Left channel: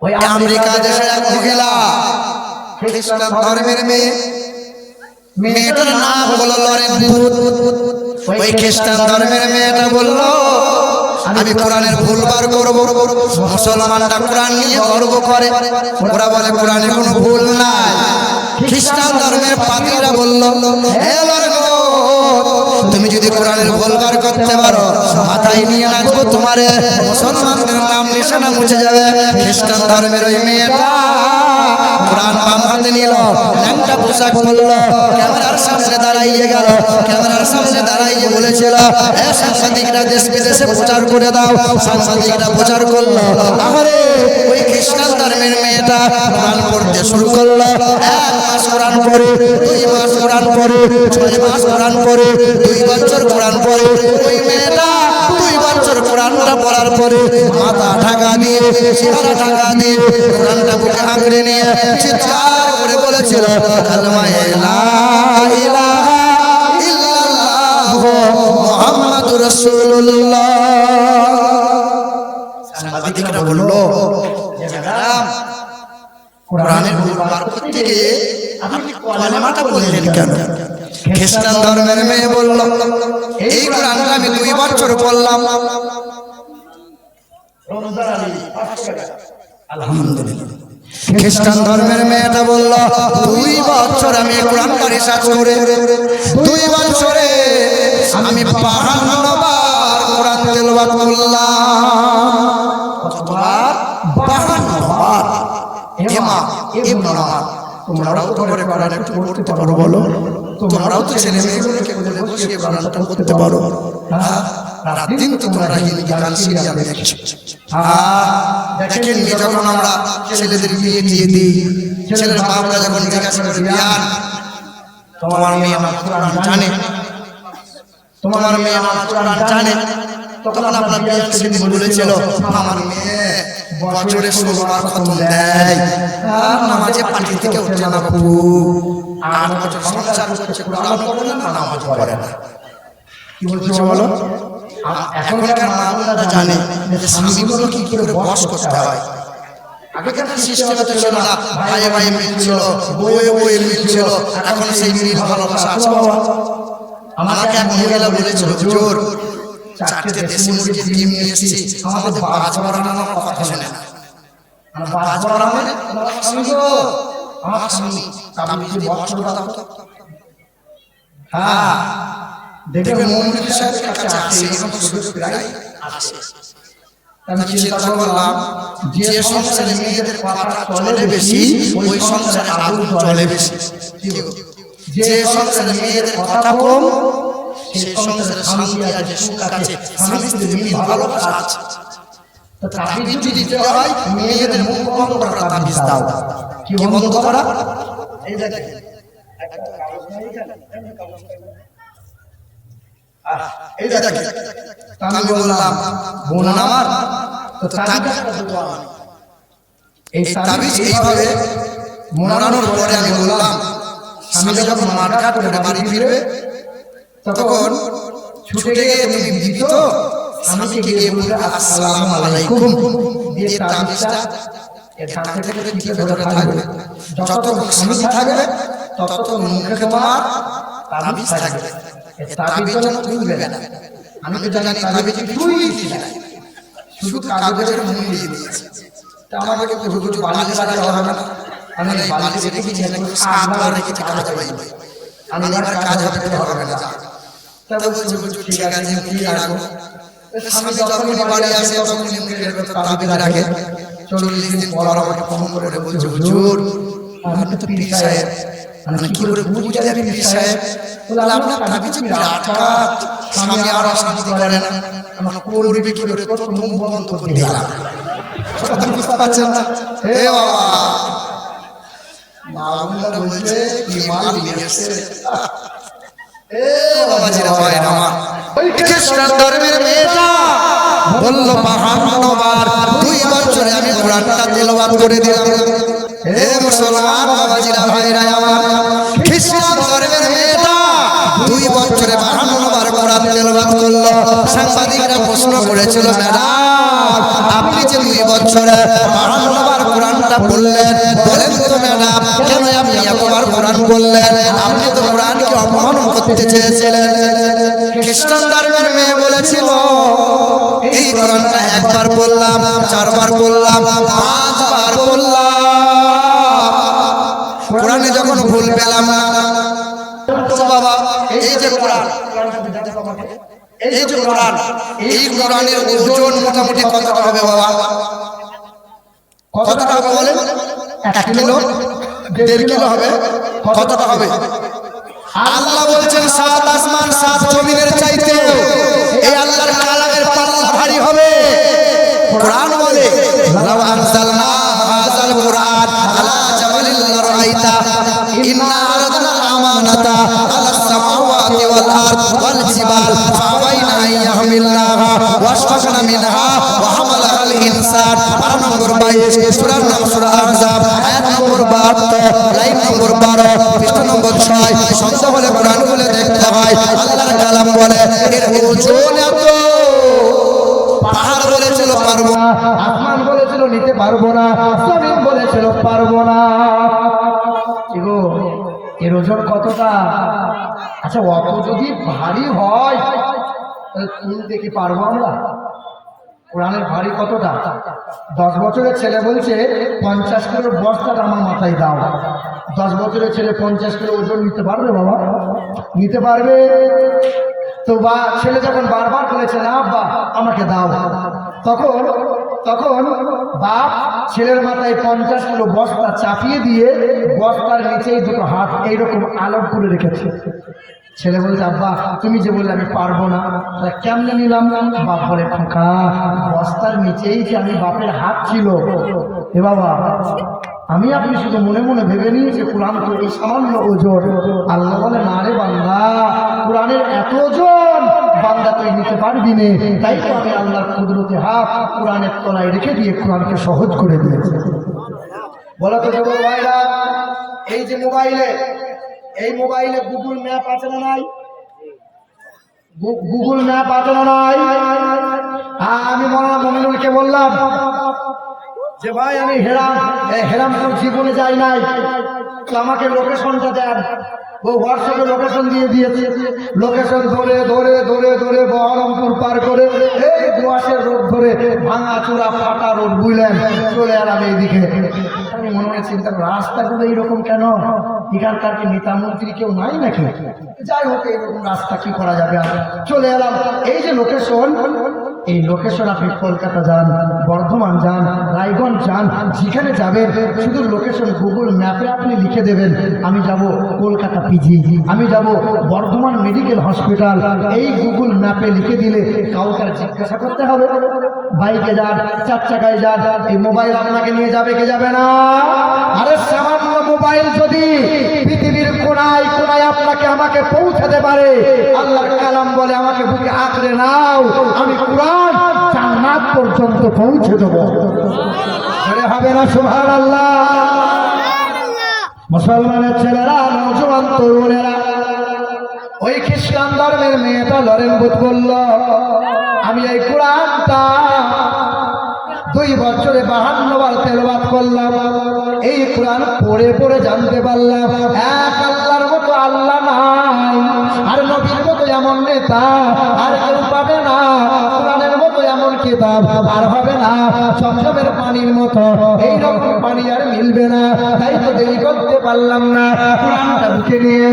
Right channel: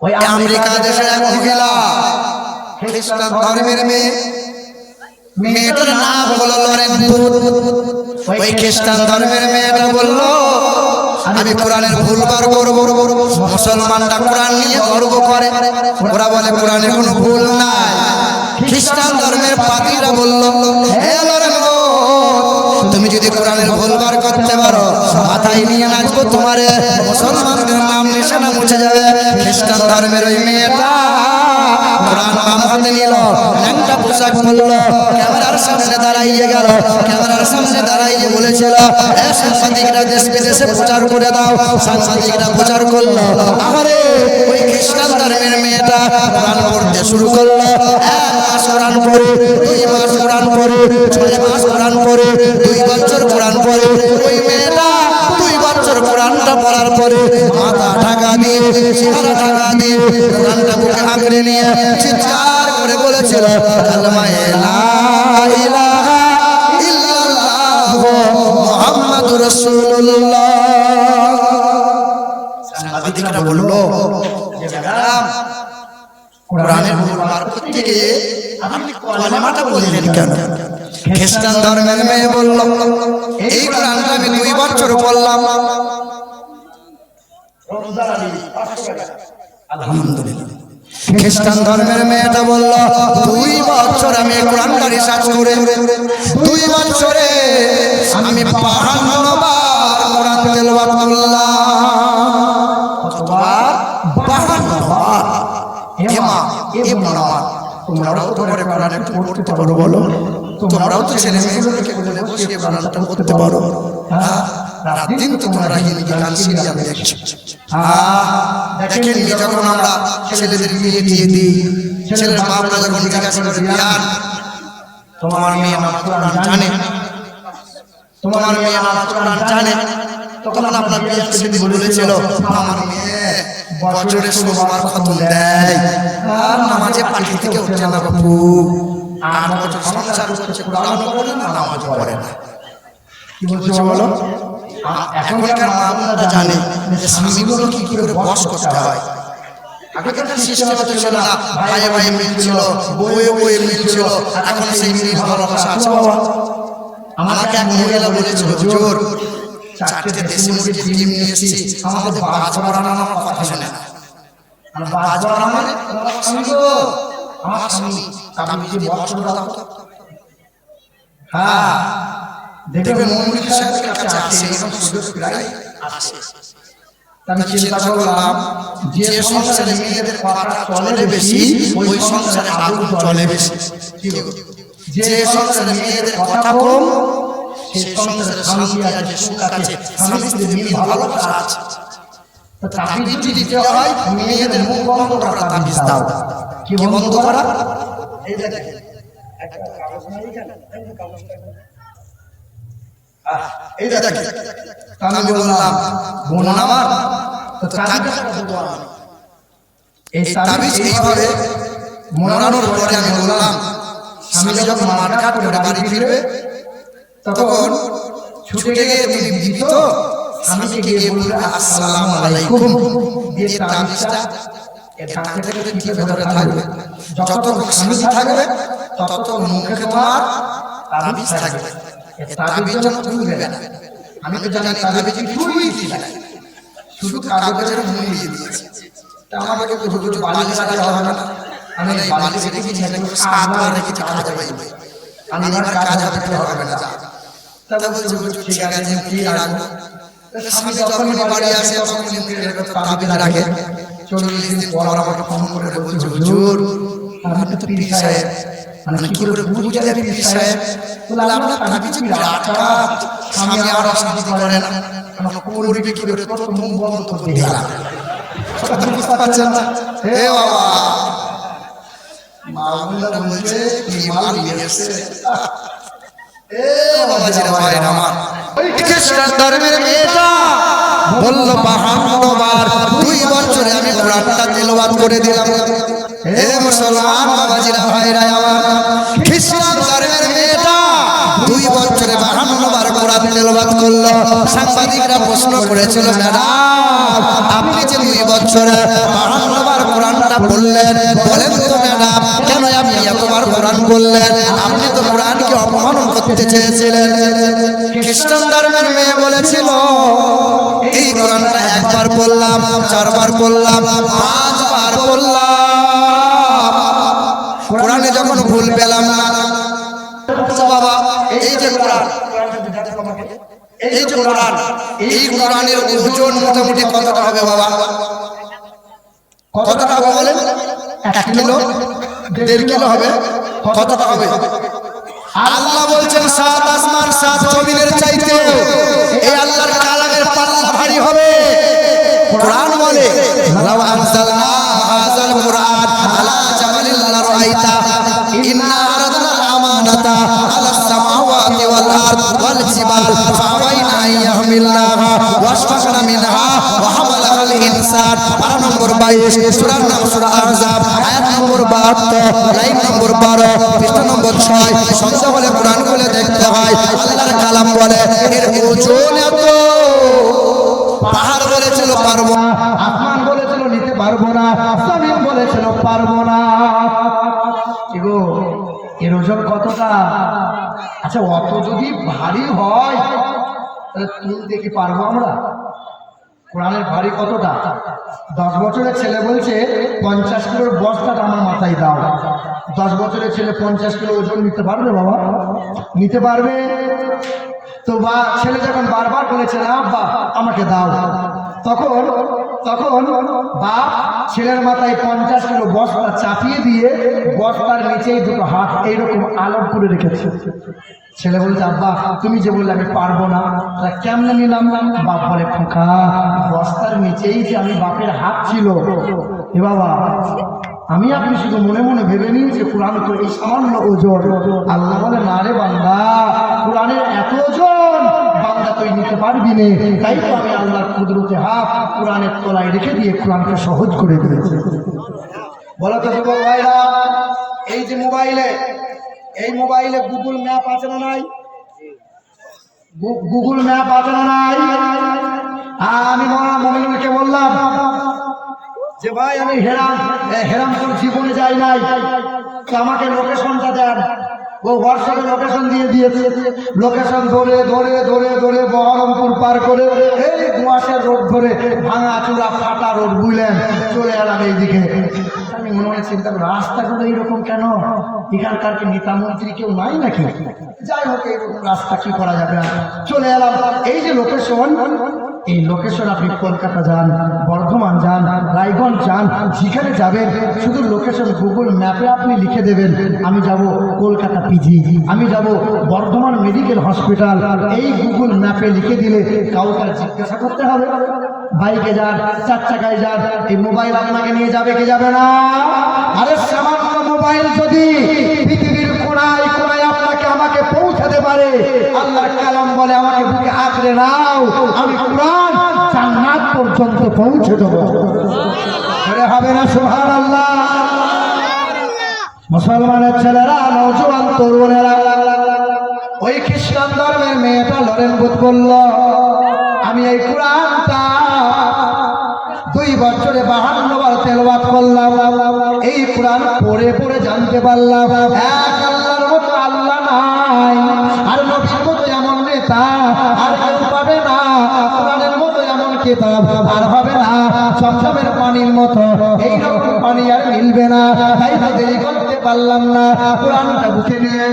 America দেশের এক মহিলা খ্রিস্টান ধর্মের মেয়ে, মেয়েটার নাম হলো লরেন বুথ। ওই খ্রিস্টান ধর্মের মেয়েটা বলল আমি কোরআনের ভুল বার করব। মুসলমানরা কোরআন নিয়ে গর্ব করে, ওরা বলে কোরআনে কোনো ভুল নাই। খ্রিস্টান ধর্মের পাদ্রীরা বলল হে লরেন বুথ, তুমি যদি কোরআনের ভুল বার করতে পারো মাথায় নিয়ে নাচবো, তোমার মুসলমানদের নাম নিশানা মুছে যাবে। খ্রিস্টান ধর্মের ওই মেয়েটা কোরআন বাম হাতে নিল, ল্যাংটা পোশাক পরল, ক্যামেরার সামনে দাঁড়াইয়ে গেল। ক্যামেরার সামনে দাঁড়াইয়ে বলেছিল এ সাংবাদিকরা দেশ বিদেশে প্রচার করে দাও। সাংবাদিকরা প্রচার করলো। আরে ওই খ্রিস্টান ধর্মের মেয়েটা কোরআন পড়তে শুরু করলো। 1 মাস কোরআন পড়ে, 2 মাস কোরআন পড়ে, 6 মাস কোরআন পড়ে, 2 বছর কোরআন পড়ে। ওই মেয়েটা 2 বছর কোরআনটা পড়ার পরে মাথা ঢাকা দিয়ে, চেহারা ঢাকা দিয়ে কোরআনটা বুকে আঁকড়ে নিয়ে চিৎকার করে বলেছিল কালেমা লা ইলাহা ইল্লাল্লাহ মুহাম্মাদুর রাসূলুল্লাহ। সাংবাদিকরা বলল যে ম্যাডাম, কোরআনের ভুল বার করতে গিয়ে আপনি কালেমাটা বললেন কেন? খ্রিস্টান ধর্মের মেয়ে বলল এই কোরআনটা আমি 2 বছর পড়লাম। আলহামদুলিল্লাহ। খ্রিস্টান ধর্মের মেয়েটা বলল 2 বছর আমি কোরআনটা রিসার্চ করে 2 বছরে আমি 52 বার কোরআন তেলাওয়াত করলাম। কতবার? 52 বার। এমা এ বোনামা, তোমরাও তো করে কোরআন একটু পড়তে পারো বলো? তোমরাও তো ছেলে মেয়েগুলোকে বলে বসিয়ে কোরআনটা পড়তে পারো? হ্যাঁ, রাত দিন তো তোমরা হিন্দি গান সিরিয়াল দেখছো। দেখেননি যখন আমরা ছেলেদের বিয়ে দিয়ে দিই, ছেলের বাপরা যখন জিজ্ঞাসা করে বিয়ান তোমার মেয়ে নামাজ কোরআন জানে, তোমার মেয়ে নামাজ কোরআন জানে, তখন আপনার বিয়ান সেদিন বলেছিল আমার মেয়ে বছরে 16 বার খতম দেয় আর নামাজে পাটি থেকে উঠছে না বাপু। 8 বছর সংসার করছে, কোরআনও পড়ে না, নামাজও পড়ে না। কি বলছে বলো? এখনকার মা বোনরা জানে যে স্বামীগুলো কি করে বশ করতে হয়। আগেকার সিস্টেম তো ছিল না, ভাই ভাই মিল ছিল, বয়ে বয়ে মিল ছিল। এখন সেই মিল ভালোবাসা আছে বাবা। আমাকে এক মহিলা বলেছিল হুজুর 4টে দেশি মুরগির ডিম নিয়ে এসেছি, আমাদের বাজ পড়ানো আমার কথা শোনে না। বাজ পড়া মানে আমার স্বামী গো, আমার স্বামী তাবিজ দিয়ে বশ করে দাও তো। হ্যাঁ, দেখবেন মৌলভী সাহেবের কাছে আসে, এরকম সুযোগ প্রায় আসে। আমি চিন্তা করলাম যে সংসারে মেয়েদের কথা চলে বেশি ওই সংসারে আগুন চলে বেশি। যে সংসারে মেয়েদের কথা কম সেই সংসারে শান্তি আছে, সুখ আছে, স্বামী স্ত্রীর মিল ভালোবাসা আছে। তাবিজ যদি দিতে হয় মেয়েদের মুখ বন্ধ করা তাবিজ দাও। কি বন্ধ করা? এই দেখেন আমি বললাম বোন আমার তো তাবিজ, এই তাবিজ এইভাবে মোড়ানোর পরে আমি বললাম স্বামী যখন মাঠঘাট করে বাড়ি ফিরবে তখন ছুটে গিয়ে তুমি বিবি তো স্বামীকে গিয়ে বলবে আসসালামু আলাইকুম, দিয়ে তাবিজটা তাতে করে টিপে ধরে থাকবে। যতক্ষণ স্বামী থাকবে ততক্ষণ মুখে তোমার তাবিজ থাকবে। তাবিজ যেন খুলবে না। আমি তো জানি তাবিজে কিছুই লিখি নাই, শুধু কাগজের মুড়িয়ে দিয়েছি। আমাকে বলছে হুজুর বালিশে রাখলে হবে না, মানে এই বালিশে রেখেছি নাকি 7 বার রেখেছি, কাজ হয়নি, মানে এবার কাজ হবে কি হবে না যা। তা বলছে হুজুর ঠিক আছে মুখে রাখবো। স্বামী যখনই বাড়ি আসে তখনই মুখের ভেতর তাবিজ রাখে। 40 দিন পর আমাকে ফোন করে বলছে হুজুর আপনি তো পীর সাহেব, মানে কি করে বুঝলে আমি পীর সাহেব? বলে আপনার তাবিজে বিরাট কাজ, স্বামী আর অশান্তি করে না, মানে করবে কি করে? তোর তো মুখ বন্ধ করে দিলাম। বুঝতে পারছেন না? এ বাবা, মা বোনরা বলছে কি মাল নিয়ে এসছে। এ বাবাজিরা ভাই আমার, খ্রিস্টান ধর্মের মেয়েটা বলল 52 বার 2 বছরে আমি কোরআনটা তেলাওয়াত করে দিলাম। হে মুসলমান বাবাজিরা ভাইরা আমার, খ্রিস্টান ধর্মের মেয়েটা 2 বছরে 52 বার কোরআন তেলাওয়াত করলো। সাংবাদিকরা প্রশ্ন করেছিল, ম্যাডাম আপনি যে 2 বছরে 52 বার কোরআনটা পড়লেন, বলেন তো ম্যাডাম কেন আপনি এতবার কোরআন বললেন? আপনি তো কোরআনকে অপমান করতে চেয়েছিলেন। খ্রিস্টান ধর্মের মেয়ে বলেছিল, এই কোরআনটা 1 বার পড়লাম, 4 বার পড়লাম, 5 বার পড়লাম, কোরআনে যখন ভুল পেলাম না। বাবা এই যে কোরআন, এই যে কোরআন, এই কোরআনের ওজন মোটামুটি কতটা হবে বাবা? কতটা হবে বলেন? 1 কিলো, 1.5 কিলো হবে? কতটা হবে? আল্লাহ বলছেন 7 আসমান 7 জমিনের চাইতেও এই আল্লাহর কালামের পাল্লা ভারী হবে। কোরআন বলে, লাউ আনজালনা হাযাল কুরআন আলা জাবালিন লারাআইতা ইন্না আরাদনাল আমানাতা আলাস সামাওয়াতি ওয়াল আরদ ওয়াল জিবাল ফাআবাইনা আইয়াহমিলনাহা ওয়াশফাকনা মিনহা ওয়া হামালাহাল ইনসান। পারা নম্বর 22, সূরার নাম সূরা আহজাব, আয়াত নম্বর 72, লাইন নম্বর 12, পৃষ্ঠা নম্বর 6। সন্দেহ হলে কোরআন খুলে দেখতে হয়। আল্লাহর কালাম বলে এর ওজন এত। পাহাড় বলেছিল পারবো না, আসমান বলেছিল নিতে পারবো না, জমিন বলেছিল পারবো না। এগো এর ওজন কতটা? আচ্ছা অত যদি ভারী হয় তাহলে তুলতে কি পারবো আমরা? কোরআনের ভারী কতটা? 10 বছরের ছেলে বলছে 50 কিলোর বস্তাটা আমার মাথায় দাও। 10 বছরের ছেলে 50 কিলো ওজন নিতে পারবে বাবা? নিতে পারবে তো? বা ছেলে যখন বারবার বলেছে না আব্বা আমাকে দাও, তখন বাপ ছেলের মাথায় 50 কিলো বস্তা চাপিয়ে দিয়ে বস্তার নিচেই 2 হাত এইরকম আলম করে রেখেছে। ছেলে বলছে আব্বা তুমি যে বললে আমি পারবো না, কেমনে নিলাম? বাপ বলে খোকা বস্তার নিচেই যে আমি বাপের হাত ছিল। এ বাবা আমি আপনি শুধু মনে মনে ভেবে নিয়েছি কোরআন তো এই সামান্য ওজন। আল্লাহ বলে না রে বান্দা, কোরআনের এত ওজন বান্দা তুই নিতে পারবি না। তাই তো আমি আল্লাহর কুদরতে হাত কোরআনের তলায় রেখে দিয়ে কোরআনকে সহজ করে দিয়েছি। বলো তো যুবক ভাইরা, এই যে এই মোবাইলে গুগল ম্যাপ আছে না নাই? গুগল ম্যাপ আছে না নাই? আমি মনে বললাম যে ভাই আমি হেরামপুর জীবনে যাই নাই, তো আমাকে লোকেশনটা দেন। ও হোয়াটসঅ্যাপে লোকেশন দিয়ে দিয়েছে। লোকেশন ধরে ধরে ধরে ধরে বহরমপুর পার করে এই দুয়াশের রোড ধরে ভাঙা চূড়া ফাটা রোড বুঝলেন চলে এলাম এইদিকে। আমি মনে চিন্তা করি রাস্তাগুলো এইরকম কেন? এখানকার কি নেতা মন্ত্রী কেউ নাই নাকি? যাই হোক এইরকম রাস্তা কি করা যাবে? চলে এলাম। এই যে লোকেশন, এই লোকেশন আপনি কলকাতা যান, বর্ধমান যান, রায়গঞ্জ যান, যেখানে যাবেন শুধু লোকেশন গুগল ম্যাপে আপনি লিখে দেবেন আমি যাব কলকাতা পিজি, আমি যাব বর্ধমান মেডিকেল হসপিটাল। এই গুগল ম্যাপে লিখে দিলে কাউকে জিজ্ঞাসা করতে হবে? বাইকে যান, 4 চাকায় যান, এই মোবাইল আপনাকে নিয়ে যাবে কি যাবে না? আরে সামান্য মোবাইল যদি পৃথিবীর কোনায় কোনায় আপনাকে আমাকে পৌঁছাতে পারে, আল্লাহর কালাম বলে আমাকে বুকে আঁকড়ে নাও, আমি কোরআন জান্নাত পর্যন্ত পৌঁছে দেব। এটা হবে না? সুবহানাল্লাহ। মুসলমানের ছেলেরা, নওজোয়ান তরুণেরা, ওই খ্রিস্টান ধর্মের মেয়েটা লরেন বুধ বলল আমি এই কোরআনটা 2 বছরে 52 বার তেলাওয়াত করলাম। এই কোরআন পড়ে পড়ে জানতে পারলাম এক আল্লাহর মতো আল্লাহ নাই, আর নবীর মতো এমন নেতা আর কেউ পাবে না, কোরআনের মতো এমন কিতাব আর হবে না, ঝমঝমের পানির মতো এইরকম পানি আর মিলবে না। তাই তো দেরি করতে পারলাম না, কোরআনটা বুকে নিয়ে